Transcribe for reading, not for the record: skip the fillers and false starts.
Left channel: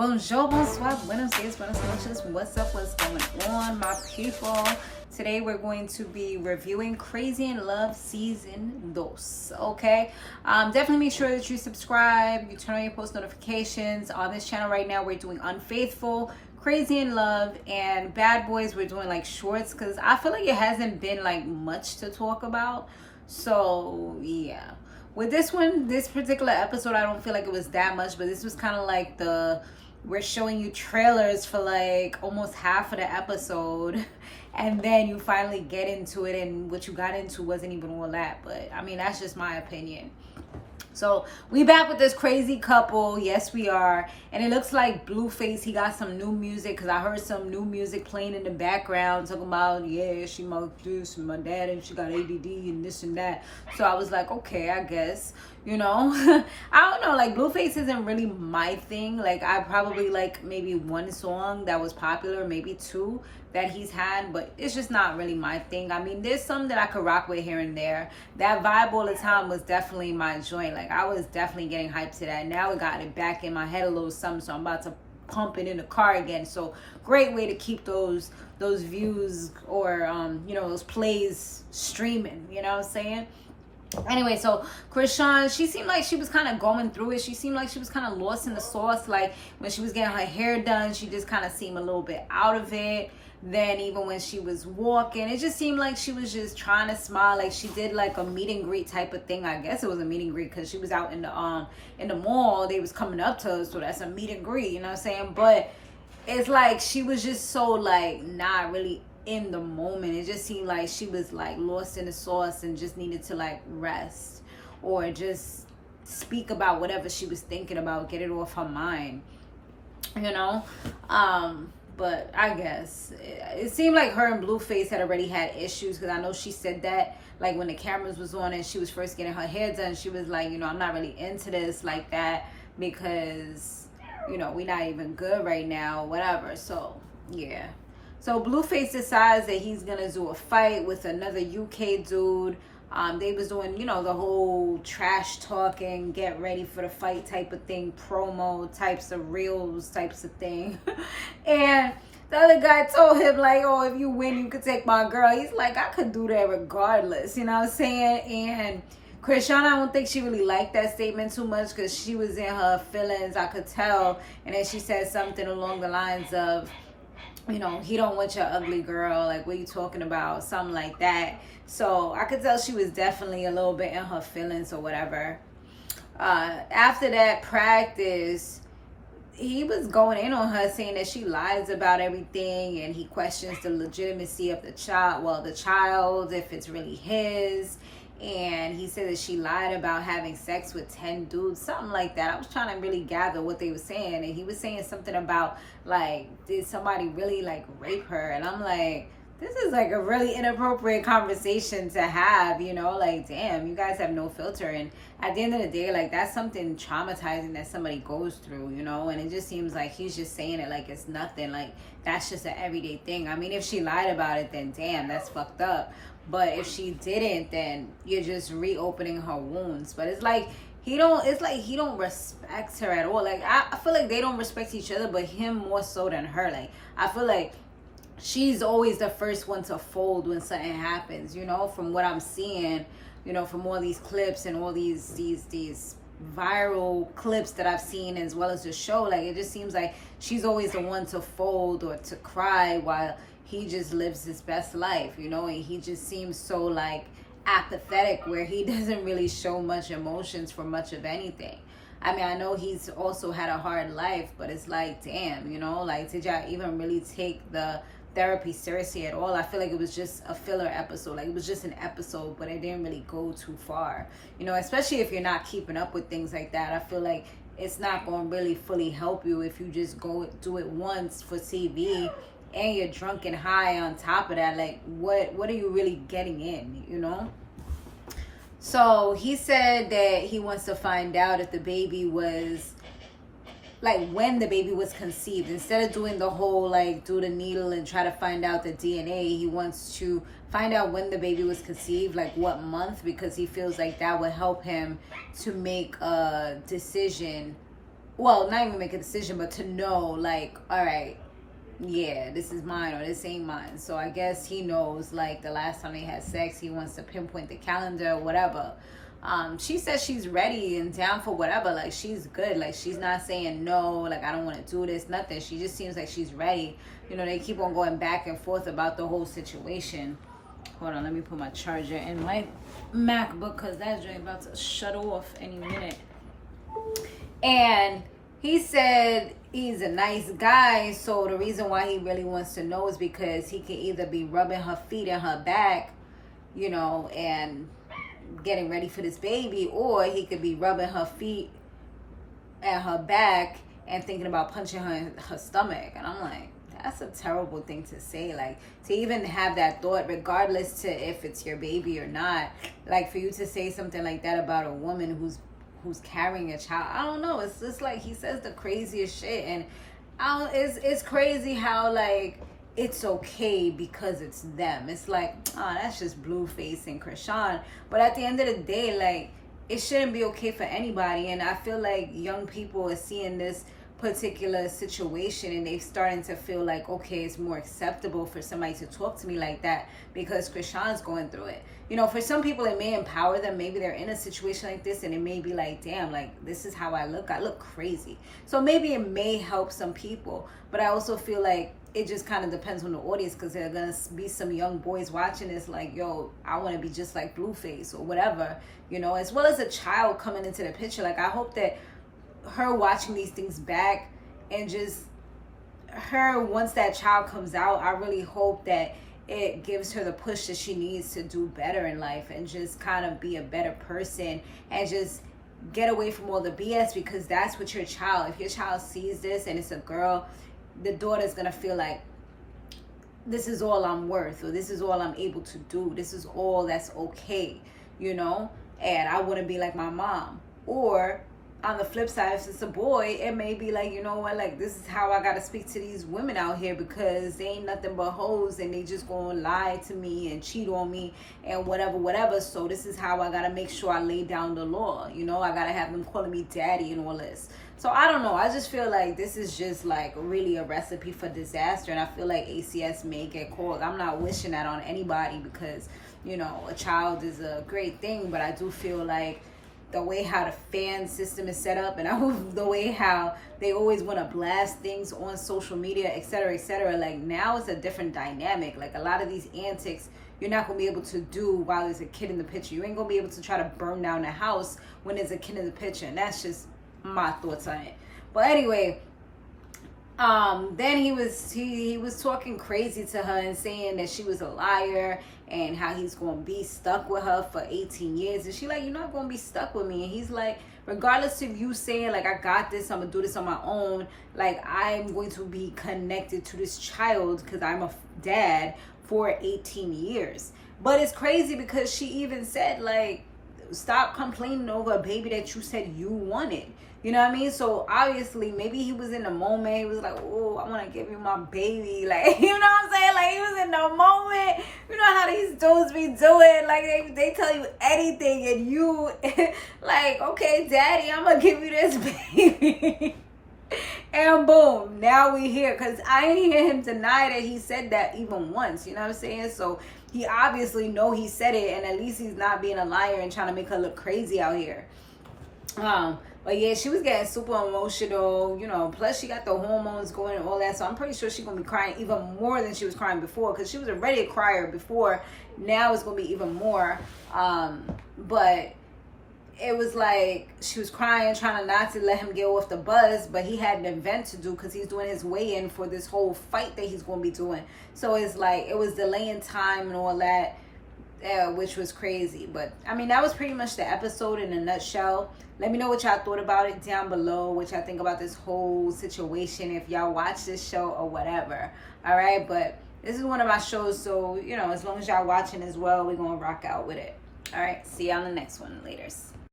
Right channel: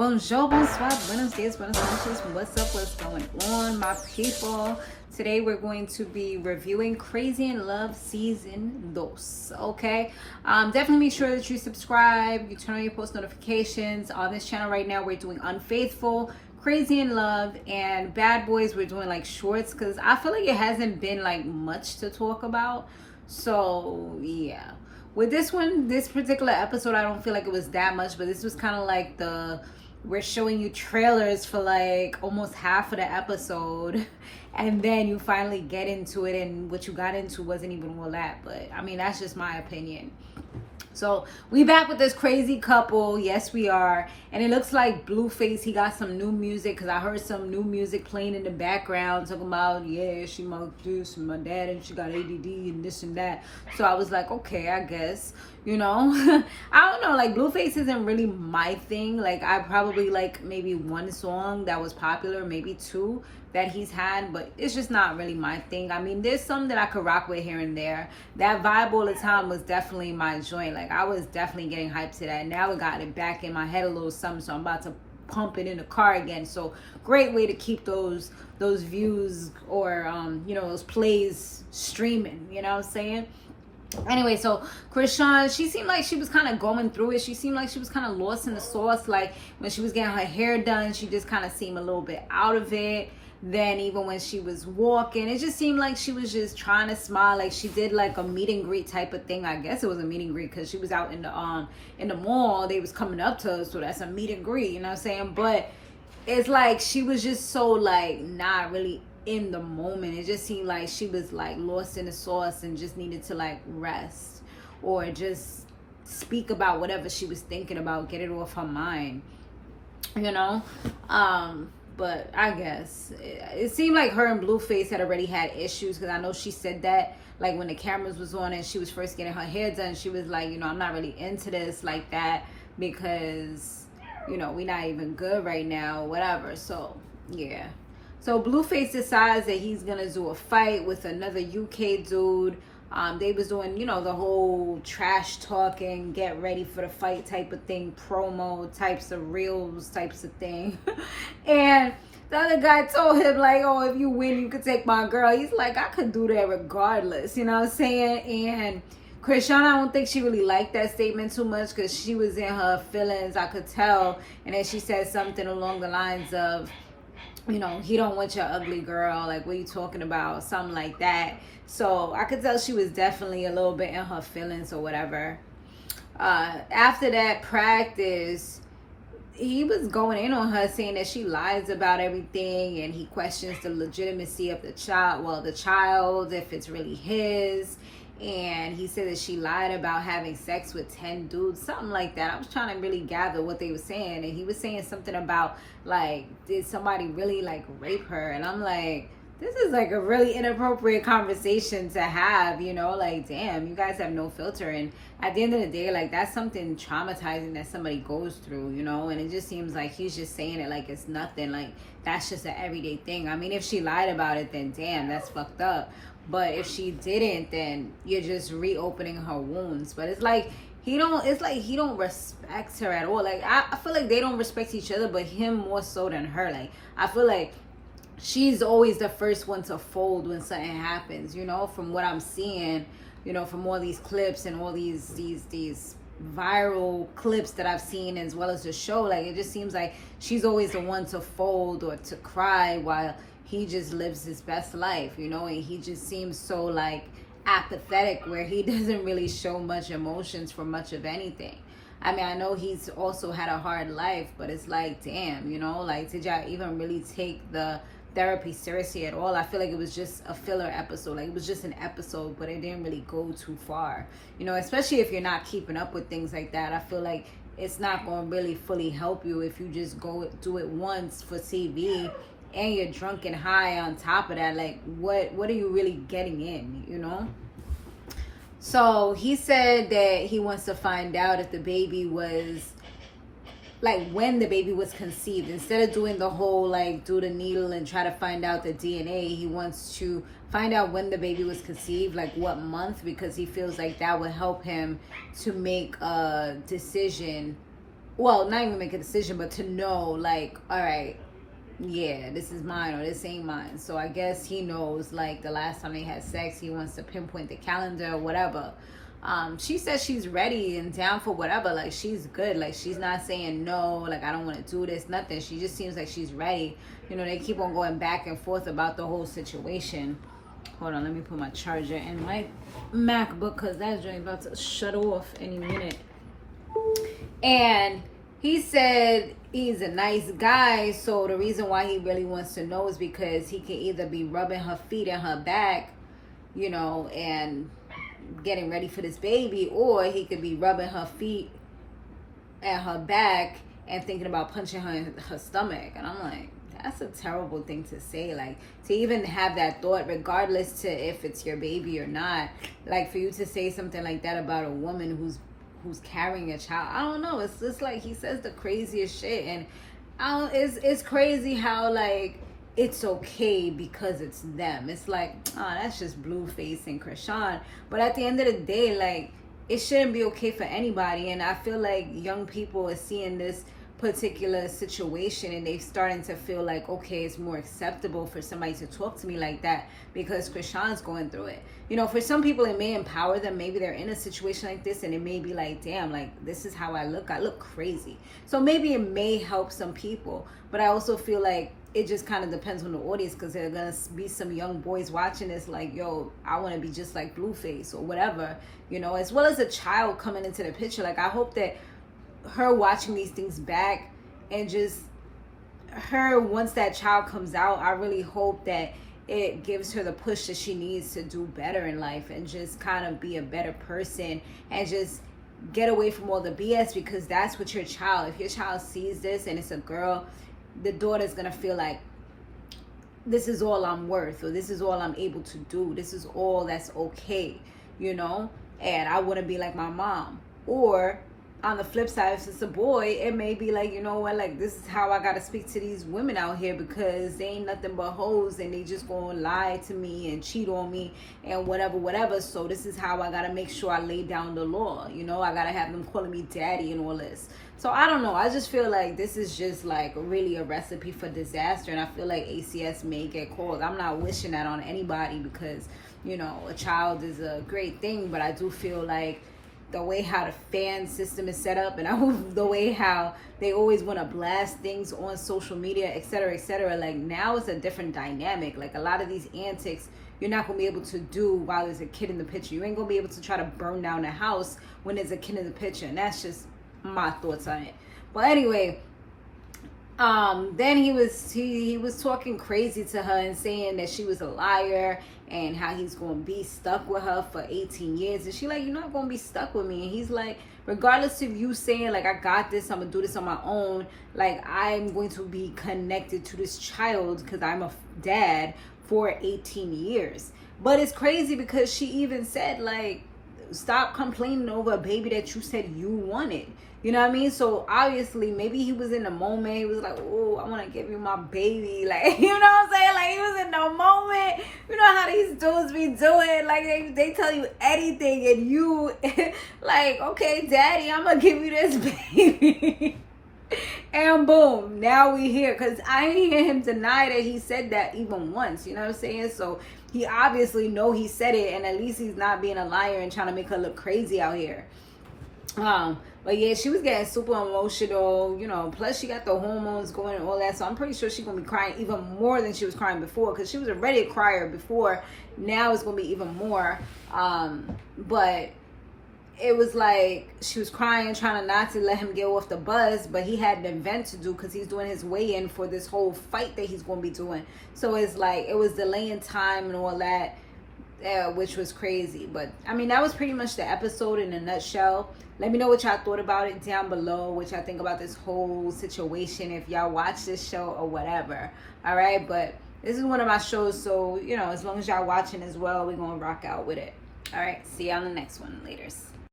Bonjour, bonsoir, buenos dias, buenas noches. What's up? What's going on, my people? Today we're going to be reviewing Chrisean Love Season 2. Okay, definitely make sure that you subscribe, you turn on your post notifications. On this channel right now, we're doing Unfaithful, Chrisean Love, and Bad Boys. We're doing like shorts because I feel like it hasn't been like much to talk about. So yeah, with this one, this particular episode, I don't feel like it was that much, but this was kind of like we're showing you trailers for like almost half of the episode, and then you finally get into it, and what you got into wasn't even all that. But I mean, that's just my opinion. So we back with this crazy couple. Yes, we are. And it looks like Blueface, he got some new music, because I heard some new music playing in the background talking about, yeah, she must do some, my dad, and she got ADD and this and that. So I was like, okay, I guess, you know. I don't know, like Blueface isn't really my thing. Like I probably like maybe one song that was popular, maybe two that he's had, but it's just not really my thing. I mean, there's some that I could rock with here and there. That Vibe All the Time was definitely my joint. Like I was definitely getting hyped to that. Now it got it back in my head a little something, so I'm about to pump it in the car again. So great way to keep those views or you know, those plays streaming, you know what I'm saying? Anyway, so Chrisean, she seemed like she was kind of going through it. She seemed like she was kind of lost in the sauce. Like when she was getting her hair done, she just kind of seemed a little bit out of it. Then even when she was walking, it just seemed like she was just trying to smile. Like she did like a meet and greet type of thing. I guess it was a meet and greet because she was out in the mall. They was coming up to her, so that's a meet and greet, you know what I'm saying? But it's like she was just so like not really in the moment. It just seemed like she was like lost in the sauce and just needed to like rest or just speak about whatever she was thinking about, get it off her mind, you know. But I guess it seemed like her and Blueface had already had issues, because I know she said that like when the cameras was on and she was first getting her hair done, she was like, you know, I'm not really into this like that because, you know, we're not even good right now, whatever. So yeah, so Blueface decides that he's gonna do a fight with another UK dude. They was doing, you know, the whole trash talking, get ready for the fight type of thing, promo types of reels types of thing. And the other guy told him like, oh, if you win, you could take my girl. He's like, I could do that regardless, you know what I'm saying? And Chrisean, I don't think she really liked that statement too much, because she was in her feelings, I could tell. And then she said something along the lines of, you know, he don't want your ugly girl, like what are you talking about, something like that. So I could tell she was definitely a little bit in her feelings or whatever. After that practice, he was going in on her, saying that she lies about everything, and he questions the legitimacy of the child, if it's really his. And he said that she lied about having sex with 10 dudes, something like that. I was trying to really gather what they were saying, and he was saying something about like, did somebody really like rape her? And I'm like, this is like a really inappropriate conversation to have, you know, like, damn, you guys have no filter. And at the end of the day, like, that's something traumatizing that somebody goes through, you know. And it just seems like he's just saying it like it's nothing, like that's just an everyday thing. I mean, if she lied about it, then damn, that's fucked up. But if she didn't, then you're just reopening her wounds. But it's like he don't respect her at all. Like I feel like they don't respect each other, but him more so than her. Like I feel like she's always the first one to fold when something happens, you know, from what I'm seeing, you know, from all these clips and all these viral clips that I've seen, as well as the show. Like it just seems like she's always the one to fold or to cry, while he just lives his best life, you know. And he just seems so like apathetic, where he doesn't really show much emotions for much of anything. I mean, I know he's also had a hard life, but it's like, damn, you know, like, did y'all even really take the therapy seriously at all? I feel like it was just a filler episode. Like it was just an episode, but it didn't really go too far, you know, especially if you're not keeping up with things like that. I feel like it's not going to really fully help you if you just go do it once for TV and you're drunk and high on top of that. Like what are you really getting in, you know? So he said that he wants to find out if the baby was, like, when the baby was conceived. Instead of doing the whole like do the needle and try to find out the DNA, he wants to find out when the baby was conceived, like what month, because he feels like that would help him to make a decision well, not even make a decision, but to know, like, all right, yeah, this is mine or this ain't mine. So I guess he knows, like, the last time they had sex, he wants to pinpoint the calendar or whatever. She says she's ready and down for whatever. Like, she's good. Like, she's not saying no, like, I don't want to do this, nothing. She just seems like she's ready. You know, they keep on going back and forth about the whole situation. Hold on, let me put my charger in my MacBook because that joint about to shut off any minute. And he said he's a nice guy, so the reason why he really wants to know is because he can either be rubbing her feet and her back, you know, and getting ready for this baby, or he could be rubbing her feet and her back and thinking about punching her in her stomach. And I'm like, that's a terrible thing to say. Like, to even have that thought, regardless to if it's your baby or not, like, for you to say something like that about a woman who's carrying a child, I don't know. It's just like he says the craziest shit, and it's crazy how, like, it's okay because it's them. It's like, oh, that's just Blueface and Chrisean. But at the end of the day, like, it shouldn't be okay for anybody. And I feel like young people are seeing this particular situation and they're starting to feel like, okay, it's more acceptable for somebody to talk to me like that because Chrisean's going through it. You know, for some people it may empower them. Maybe they're in a situation like this and it may be like, damn, like, this is how I look crazy. So maybe it may help some people, but I also feel like it just kind of depends on the audience, because there are gonna be some young boys watching this like, yo, I want to be just like Blueface or whatever, you know, as well as a child coming into the picture. Like, I hope that her watching these things back and just her, once that child comes out, I really hope that it gives her the push that she needs to do better in life and just kind of be a better person and just get away from all the BS, because that's what your child, if your child sees this and it's a girl, the daughter's gonna feel like, this is all I'm worth, or this is all I'm able to do, this is all that's okay, you know, and I wouldn't be like my mom. Or on the flip side, if it's a boy, it may be like, you know what, like, this is how I gotta speak to these women out here, because they ain't nothing but hoes and they just gonna lie to me and cheat on me and whatever. So this is how I gotta make sure I lay down the law, you know, I gotta have them calling me daddy and all this. So I don't know, I just feel like this is just like really a recipe for disaster, and I feel like ACS may get called. I'm not wishing that on anybody, because, you know, a child is a great thing, but I do feel like the way how the fan system is set up, and the way how they always want to blast things on social media, etc., like, now it's a different dynamic. Like, a lot of these antics you're not gonna be able to do while there's a kid in the picture. You ain't gonna be able to try to burn down the house when there's a kid in the picture, and that's just my thoughts on it. But anyway, then he was talking crazy to her and saying that she was a liar and how he's gonna be stuck with her for 18 years. And she like, you're not gonna be stuck with me. And he's like, regardless of you saying like, I got this, I'm gonna do this on my own, like, I'm going to be connected to this child because I'm a dad for 18 years. But it's crazy because she even said, like, stop complaining over a baby that you said you wanted. You know what I mean? So obviously, maybe he was in the moment. He was like, oh, I want to give you my baby. Like, you know what I'm saying? Like, he was in the moment. You know how these dudes be doing? Like, they tell you anything, and you, like, okay, daddy, I'm going to give you this baby. And boom, now we here. Because I ain't hear him deny that he said that even once. You know what I'm saying? So he obviously know he said it, and at least he's not being a liar and trying to make her look crazy out here. But yeah, she was getting super emotional, you know, plus she got the hormones going and all that, so I'm pretty sure she's gonna be crying even more than she was crying before, because she was already a crier before. Now it's gonna be even more. But it was like she was crying, trying to not to let him get off the bus, but he had an event to do because he's doing his weigh-in for this whole fight that he's gonna be doing. So it's like, it was delaying time and all that, which was crazy. But I mean, that was pretty much the episode in a nutshell. Let me know what y'all thought about it down below, what y'all think about this whole situation, if y'all watch this show or whatever. All right, but this is one of my shows, so, you know, as long as y'all watching as well, we're gonna rock out with it. All right, see y'all in the next one. Laters.